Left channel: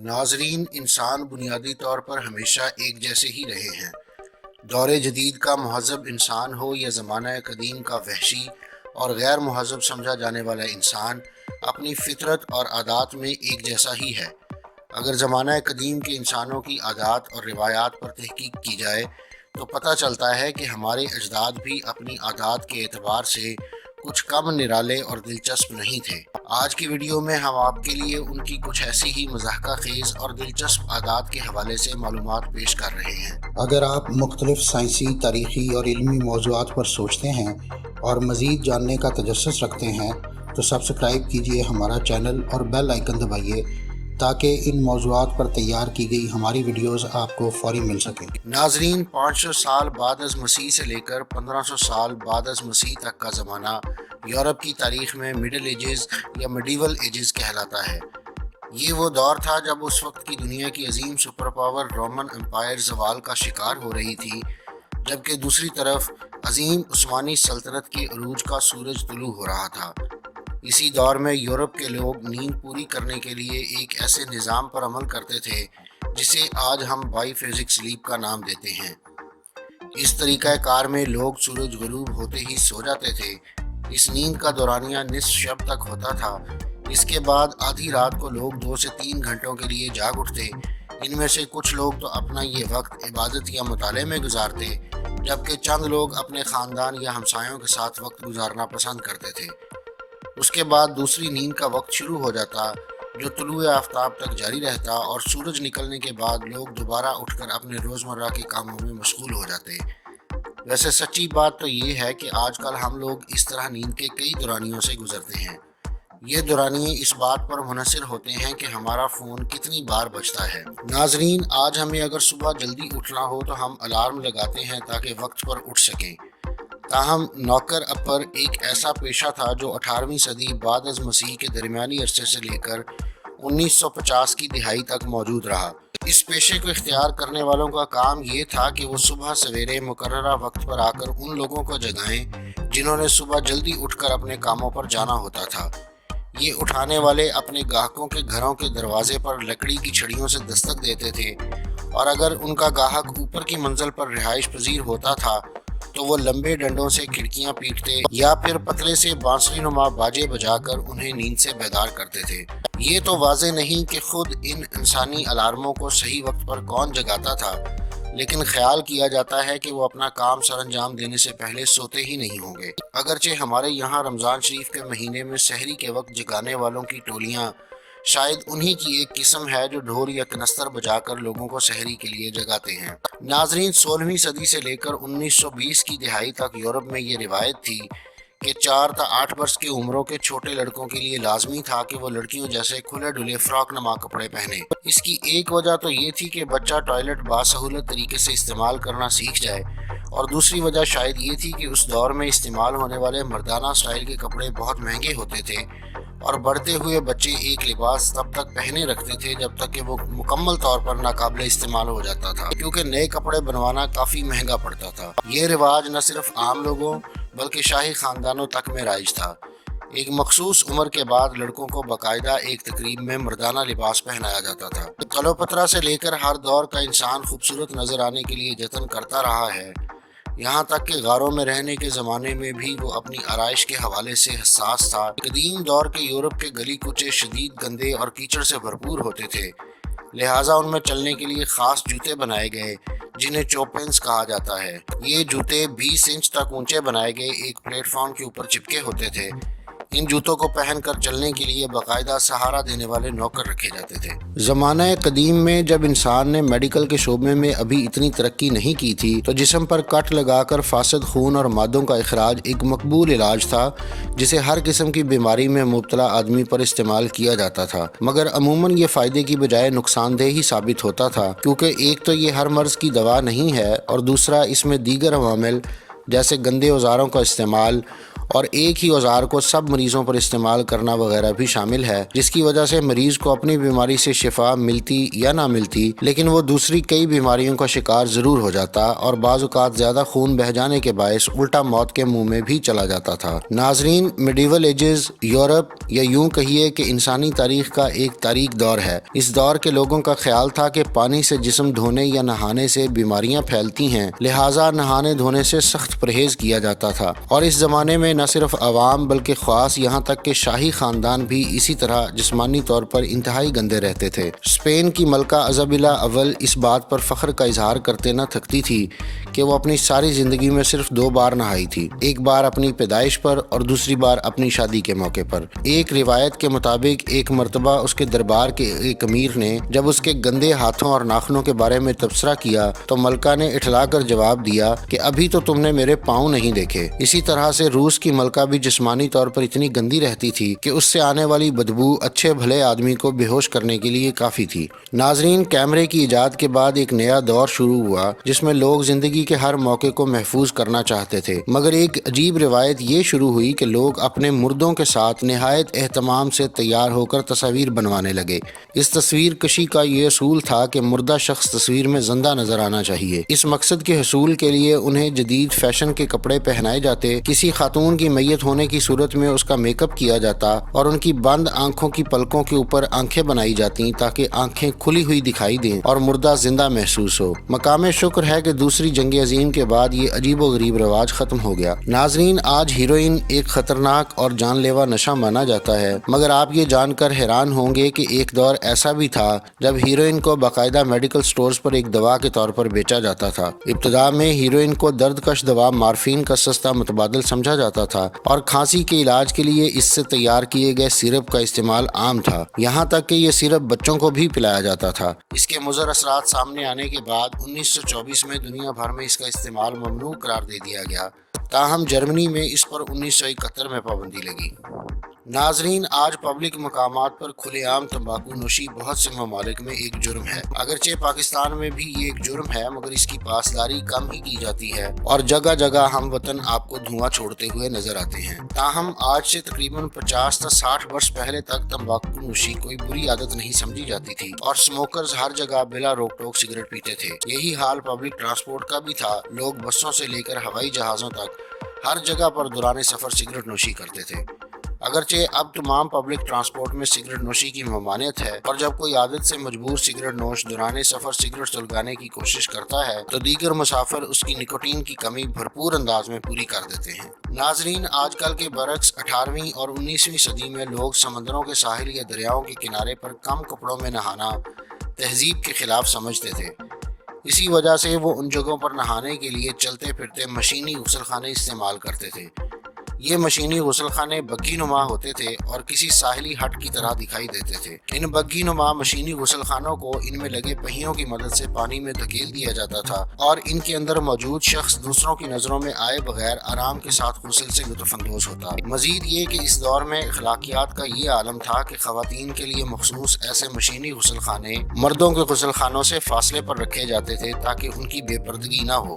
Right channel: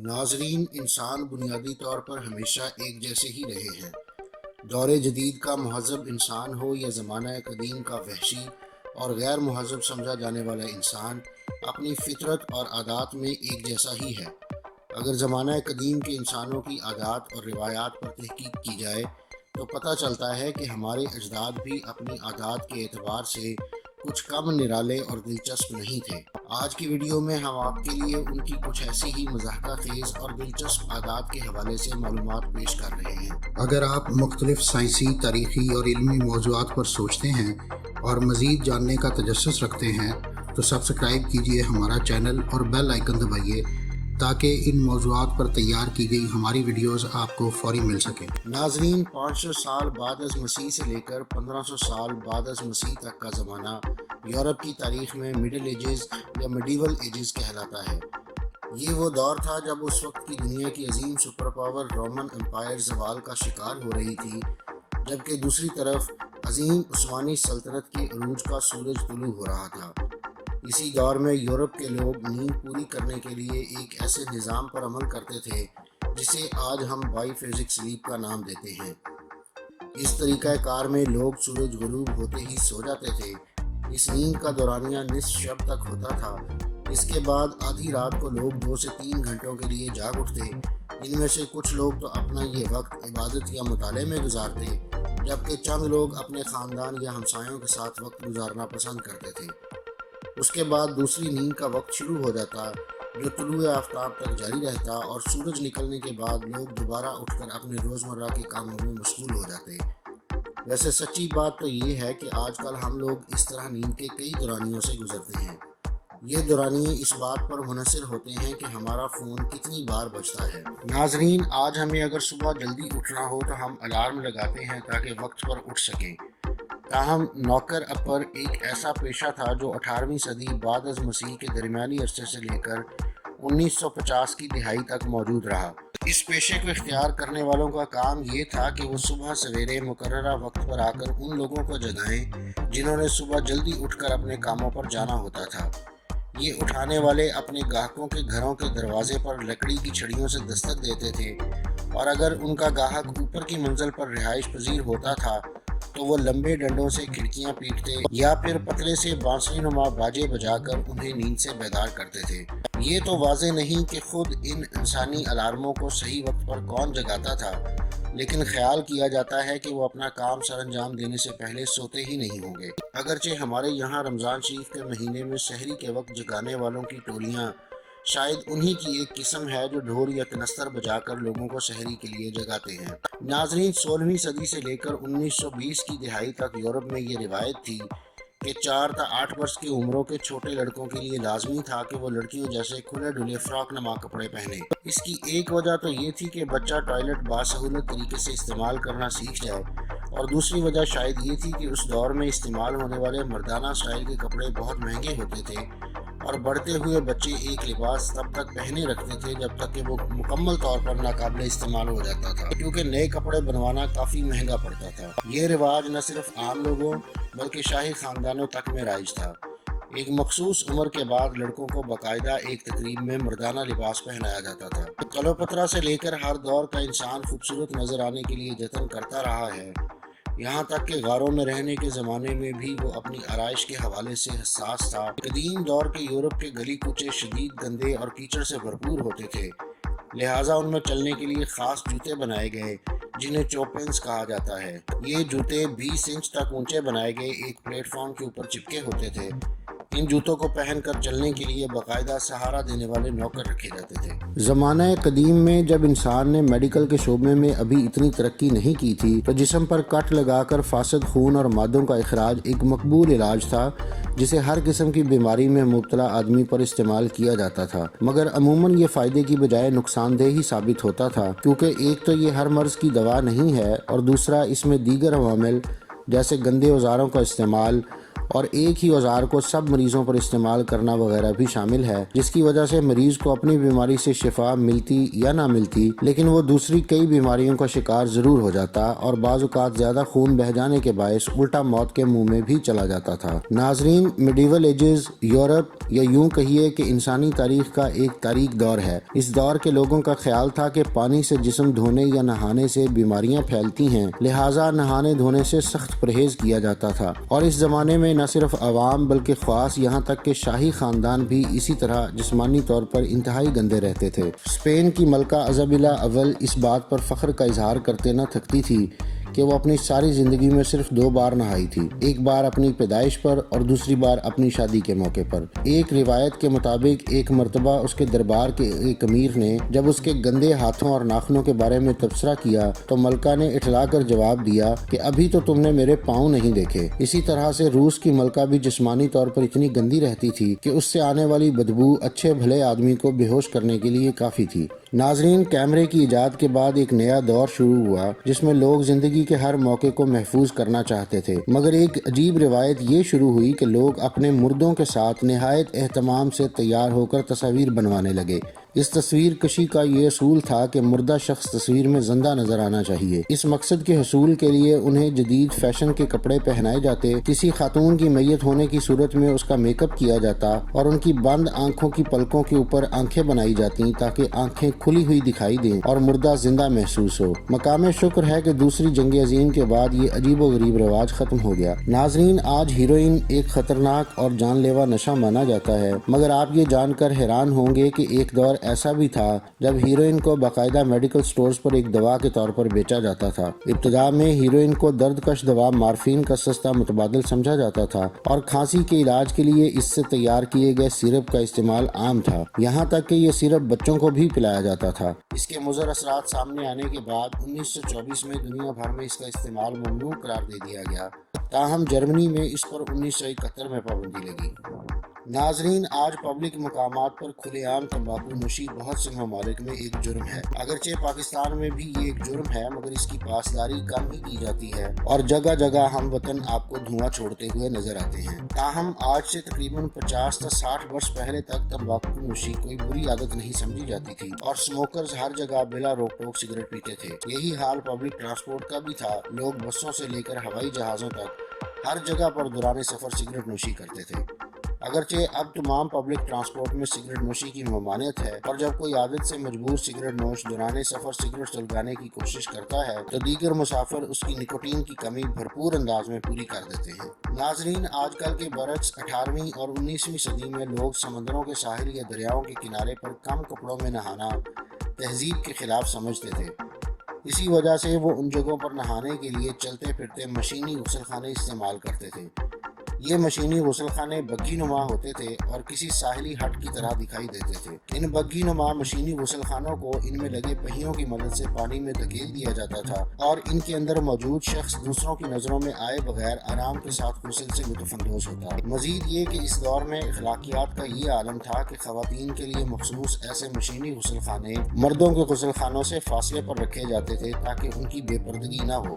ناظرین، انسان بنیادی طور پر ہمیشہ ایک جیسے ہی رہے ہیں۔ دور جدید کا مہذب انسان ہو یا زمانہ قدیم کا وحشی اور غیر مہذب سمجھا جانے والا انسان، اپنی فطرت اور عادات میں ایک جیسا ہی ہے۔ اگر زمانہ قدیم کے انسانوں کی عادات اور روایات پر تحقیق کی جائے تو پتہ چلتا ہے کہ ہمارے اجداد بھی اپنی عادات کے اعتبار سے کچھ کم نرالے اور دلچسپ نہیں تھے۔ آج کی ویڈیو میں ہم آپ کے لیے ان کی کچھ ایسی ہی مضحکہ خیز اور دلچسپ عادات کے حوالے سے معلومات پیش کر رہے ہیں۔ اگر آپ مختلف سائنسی، تاریخی اور علمی موضوعات پر سوچتے ہیں اور مزید جاننے کا تجسس رکھتے ہیں تو سبسکرائب کیجئے ہمارا چینل اور بیل آئیکن دبائیے تاکہ ان موضوعات پر تیار کی گئی ہماری ویڈیوز آپ کو فوری مل سکیں۔ ناظرین، 500 سال بعد از مسیح سے لے کر 1500 سال بعد از مسیح تک کا زمانہ یورپ کی تاریخ میں مڈل ایجز یا میڈیول ایجز کہلاتا ہے۔ یہ وہ دور تھا جب اس وقت کی دنیا کی عظیم سپر پاور رومن امپائر زوال کا شکار ہو رہی تھی، جبکہ دوسری طرف عظیم عثمانی سلطنت کے عروج کا سورج طلوع ہو رہا تھا۔ اسی دور میں یورپ کے لوگ نیند پوری کرنے کے لیے ایک ایسے نظام پر عمل کرتے تھے جسے آج ہم بائی فزک سلیپ کا نام دیتے ہیں۔ اس طریقہ کار میں لوگ سورج غروب ہوتے ہی سو جاتے تھے۔ اس نیند کا دورانیہ نصف شب تک ہوتا تھا۔ اس کے بعد آدھی رات کو لوگ 2 سے 3 گھنٹوں کے لیے جاگ اٹھتے۔ ان میں سے کچھ لوگ تو اپنا یہ وقت عبادت یا مطالعے میں گزارتے، جبکہ چند لوگ اپنے خاندان یا ہمسایوں کے ساتھ وقت گزارنا پسند کرتے تھے۔ اس کے بعد دوسری نیند کا وقت شروع ہو جاتا، جو طلوع آفتاب تک جاری رہتا، اور سورج نکلنے کے بعد لوگ دوبارہ اٹھ کر اپنے روزمرہ کے کاموں میں مشغول ہو جاتے۔ ویسے سچی بات تو یہ ہے کہ آج کل ہم لوگ اس طرح نیند کے کئی دورانیوں سے گزرتے ہیں۔ یہ دورانیے اس بات پر منحصر ہوتے ہیں کہ ہمارا فون کتنی بار بجتا ہے۔ ناظرین، آج ہمیں اگر صبح جلدی اٹھنا ہو تو ہم الارم لگاتے ہیں تاکہ وقت پر اٹھ سکیں۔ تاہم نوکر اپر ایک ایسا پیشہ تھا جو 18ویں صدی بعد از مسیح کے درمیانی عرصے سے لے کر 1950 کی دہائی تک موجود رہا۔ اس پیشے کو اختیار کرنے والوں کا کام یہ تھا کہ وہ صبح سویرے مقررہ وقت پر آ کر ان لوگوں کو جگائیں جنہوں نے صبح جلدی اٹھ کر اپنے کاموں پر جانا ہوتا تھا۔ یہ اٹھانے والے اپنے گاہکوں کے گھروں کے دروازے پر لکڑی کی چھڑیوں سے دستک دیتے تھے، اور اگر ان کا گاہک اوپر کی منزل پر رہائش پذیر ہوتا تھا تو وہ لمبے ڈنڈوں سے کھڑکیاں پیٹتے یا پھر پتلے سے بانسری نما باجے بجا کر انہیں نیند سے بیدار کرتے تھے۔ یہ تو واضح نہیں کہ خود ان انسانی الارموں کو صحیح وقت پر کون جگاتا تھا، لیکن خیال کیا جاتا ہے کہ وہ اپنا کام سر انجام دینے سے پہلے سوتے ہی نہیں ہوں گے۔ اگرچہ ہمارے یہاں رمضان شریف کے مہینے میں سحری کے وقت جگانے والوں کی ٹولیاں شاید انہی کی ایک قسم ہے جو ڈھول یا کنستر بجا کر لوگوں کو سحری کے لیے جگاتے ہیں۔ ناظرین، 16ویں صدی سے لے کر 1920 کی دہائی تک یورپ میں یہ روایت تھی کہ 4 تا 8 برس کی عمروں کے چھوٹے لڑکوں کے لیے لازمی تھا کہ وہ لڑکیوں جیسے کھلے ڈھلے فراک نما کپڑے پہنے۔ اس کی ایک وجہ تو یہ تھی کہ بچہ ٹوائلٹ باسہولت طریقے سے استعمال کرنا سیکھ جائے، اور دوسری وجہ شاید یہ تھی کہ اس دور میں استعمال ہونے والے مردانہ سٹائل کے کپڑے بہت مہنگے ہوتے تھے، اور بڑھتے ہوئے بچے ایک لباس تب تک پہنے رکھتے تھے جب تک کہ وہ مکمل طور پر ناقابل استعمال ہو جاتا تھا، کیونکہ نئے کپڑے بنوانا کافی مہنگا پڑتا تھا۔ یہ رواج نہ صرف عام لوگوں بلکہ شاہی خاندانوں تک میں رائج تھا۔ ایک مخصوص عمر کے بعد لڑکوں کو باقاعدہ ایک تقریب میں مردانہ لباس پہنایا جاتا تھا۔ کلوپترا سے لے کر ہر دور کا انسان خوبصورت نظر آنے کے لیے جتن کرتا رہا ہے، یہاں تک کہ غاروں میں رہنے کے زمانے میں بھی وہ اپنی آرائش کے حوالے سے حساس تھا۔ قدیم دور کے یورپ کے گلی کوچے شدید گندے اور کیچڑ سے بھرپور ہوتے تھے، لہٰذا ان میں چلنے کے لیے خاص جوتے بنائے گئے جنہیں چوپنس کہا جاتا ہے۔ یہ جوتے 20 انچ تک اونچے بنائے گئے ایک پلیٹ فارم کے اوپر چپکے ہوتے تھے۔ ان جوتوں کو پہن کر چلنے کے لیے باقاعدہ سہارا دینے والے نوکر رکھے جاتے تھے۔ زمانہ قدیم میں جب انسان نے میڈیکل کے شعبے میں ابھی اتنی ترقی نہیں کی تھی تو جسم پر کٹ لگا کر فاسد خون اور مادوں کا اخراج ایک مقبول علاج تھا جسے ہر قسم کی بیماری میں مبتلا آدمی پر استعمال کیا جاتا تھا، مگر عموماً یہ فائدے کی بجائے نقصان دہ ہی ثابت ہوتا تھا، کیونکہ ایک تو یہ ہر مرض کی دوا نہیں ہے، اور دوسرا اس میں دیگر عوامل جیسے گندے اوزاروں کا استعمال اور ایک ہی اوزار کو سب مریضوں پر استعمال کرنا وغیرہ بھی شامل ہے، جس کی وجہ سے مریض کو اپنی بیماری سے شفا ملتی یا نہ ملتی لیکن وہ دوسری کئی بیماریوں کا شکار ضرور ہو جاتا اور بعض اوقات زیادہ خون بہہ جانے کے باعث الٹا موت کے منہ میں بھی چلا جاتا تھا۔ ناظرین، میڈیول ایجز یورپ یا یوں کہیے کہ انسانی تاریخ کا ایک تاریک دور ہے۔ اس دور کے لوگوں کا خیال تھا کہ پانی سے جسم دھونے یا نہانے سے بیماریاں پھیلتی ہیں، لہٰذا نہانے دھونے سے سخت پرہیز کیا جاتا تھا، اور اس زمانے میں نہ صرف عوام بلکہ خاص یہاں تک کہ شاہی خاندان بھی اسی طرح جسمانی طور پر انتہائی گندے رہتے تھے۔ اسپین کی ملکہ ایزابیلا اول اس بات پر فخر کا اظہار کرتے نہ تھکتی تھی کہ وہ اپنی ساری زندگی میں صرف 2 بار نہائی تھی، ایک بار اپنی پیدائش پر اور دوسری بار اپنی شادی کے موقع پر۔ ایک روایت کے مطابق ایک مرتبہ اس کے دربار کے ایک امیر نے جب اس کے گندے ہاتھوں اور ناخنوں کے بارے میں تبصرہ کیا تو ملکہ نے اٹھلا کر جواب دیا کہ ابھی تو تم نے میرے پاؤں نہیں دیکھے۔ اسی طرح سے روس کی ملکہ بھی جسمانی طور پر اتنی گندی رہتی تھی کہ اس سے آنے والی بدبو اچھے بھلے آدمی کو بے ہوش کرنے کے لیے کافی تھی۔ ناظرین، کیمرے کی ایجاد کے بعد ایک نیا دور شروع ہوا جس میں لوگ زندگی کے ہر موقع کو محفوظ کرنا چاہتے تھے، مگر ایک عجیب روایت یہ شروع ہوئی کہ لوگ اپنے مردوں کے ساتھ نہایت اہتمام سے تیار ہو کر تصاویر بنوانے لگے۔ اس تصویر کشی کا یہ اصول تھا کہ مردہ شخص تصویر میں زندہ نظر آنا چاہیے۔ اس مقصد کے حصول کے لیے انہیں جدید فیشن کے کپڑے پہنائے جاتے، کسی خاتون کی میت ہونے کی صورت میں اس کا میک اپ کیا جاتا اور ان کی بند آنکھوں کی پلکوں کے اوپر آنکھیں بنائی جاتی تاکہ آنکھیں کھلی ہوئی دکھائی دیں اور مردہ زندہ محسوس ہو۔ مقام شکر ہے کہ دوسری جنگ عظیم کے بعد یہ عجیب و غریب رواج ختم ہو گیا۔ ناظرین، آج ہیروئن ایک خطرناک اور جان لیوا نشہ مانا جاتا ہے، مگر آپ یہ جان کر حیران ہوں گے کہ ایک دور ایسا بھی تھا جب ہیروئن کو باقاعدہ میڈیکل سٹورز پر ایک دوا کے طور پر بیچا جاتا تھا۔ ابتدا میں ہیروئن کو درد کش دوا مارفین کا سستا متبادل سمجھا جاتا تھا اور کھانسی کے علاج کے لیے اس سے تیار کیے گئے سیرپ کا استعمال عام تھا، یہاں تک کہ یہ سیرپ بچوں کو بھی پلایا جاتا تھا۔ اس کے مضر اثرات سامنے آنے کے بعد 1924 میں دنیا بھر میں اس کا استعمال ممنوع قرار دے دیا گیا، تاہم جرمنی میں اس پر 1971 میں پابندی لگی۔ ناظرین، آج پبلک مقامات پر کھلے عام تمباکو نوشی بہت سے ممالک میں ایک جرم ہے۔ اگرچہ پاکستان میں بھی یہ ایک جرم ہے، مگر اس کی پاسداری کم ہی کی جاتی ہے اور جگہ جگہ ہم وطن آپ کو دھواں چھوڑتے ہوئے نظر آتے ہیں۔ تاہم آج سے تقریباً 50 تا 60 برس پہلے تک تمباکو نوشی کوئی بری عادت نہیں سمجھی جاتی تھی اور اسموکرز ہر جگہ بلا روک ٹوک سگریٹ پیتے تھے۔ یہی حال پبلک ٹرانسپورٹ کا بھی تھا، لوگ بسوں سے لے کر ہوائی جہازوں تک ہر جگہ پر دوران سفر سگریٹ نوشی کرتے تھے۔ اگرچہ اب تمام پبلک ٹرانسپورٹ میں سگریٹ نوشی کی ممانعت ہے اور جب کوئی عادت سے مجبور سگریٹ نوش دوران سفر سگریٹ سلگانے کی کوشش کرتا ہے تو دیگر مسافر اس کی نکوٹین کی کمی بھرپور انداز میں پوری کر دیتے ہیں۔ ناظرین، آج کل کے برعکس 18ویں اور 19ویں صدی میں لوگ سمندروں کے ساحل یا دریاؤں کے کنارے پر کم کپڑوں میں نہانا تہذیب کے خلاف سمجھتے تھے۔ اسی وجہ سے وہ ان جگہوں پر نہانے کے لیے چلتے پھرتے مشینی غسل خانے استعمال کرتے تھے۔ یہ مشینی غسل خانے بگھی نما ہوتے تھے اور کسی ساحلی ہٹ کی طرح دکھائی دیتے تھے۔ ان بگھی نما مشینی غسل خانوں کو ان میں لگے پہیوں کی مدد سے پانی میں دھکیل دیا جاتا تھا اور ان کے اندر موجود شخص دوسروں کی نظروں میں آئے بغیر آرام کے ساتھ غسل سے لطف اندوز ہوتا۔ مزید یہ کہ اس دور میں اخلاقیات کا یہ عالم تھا کہ خواتین کے لیے مخصوص ایسے مشینی غسل خانے مردوں کے غسل خانوں سے فاصلے پر رکھے جاتے تھے تاکہ ان کی بے پردگی نہ ہو۔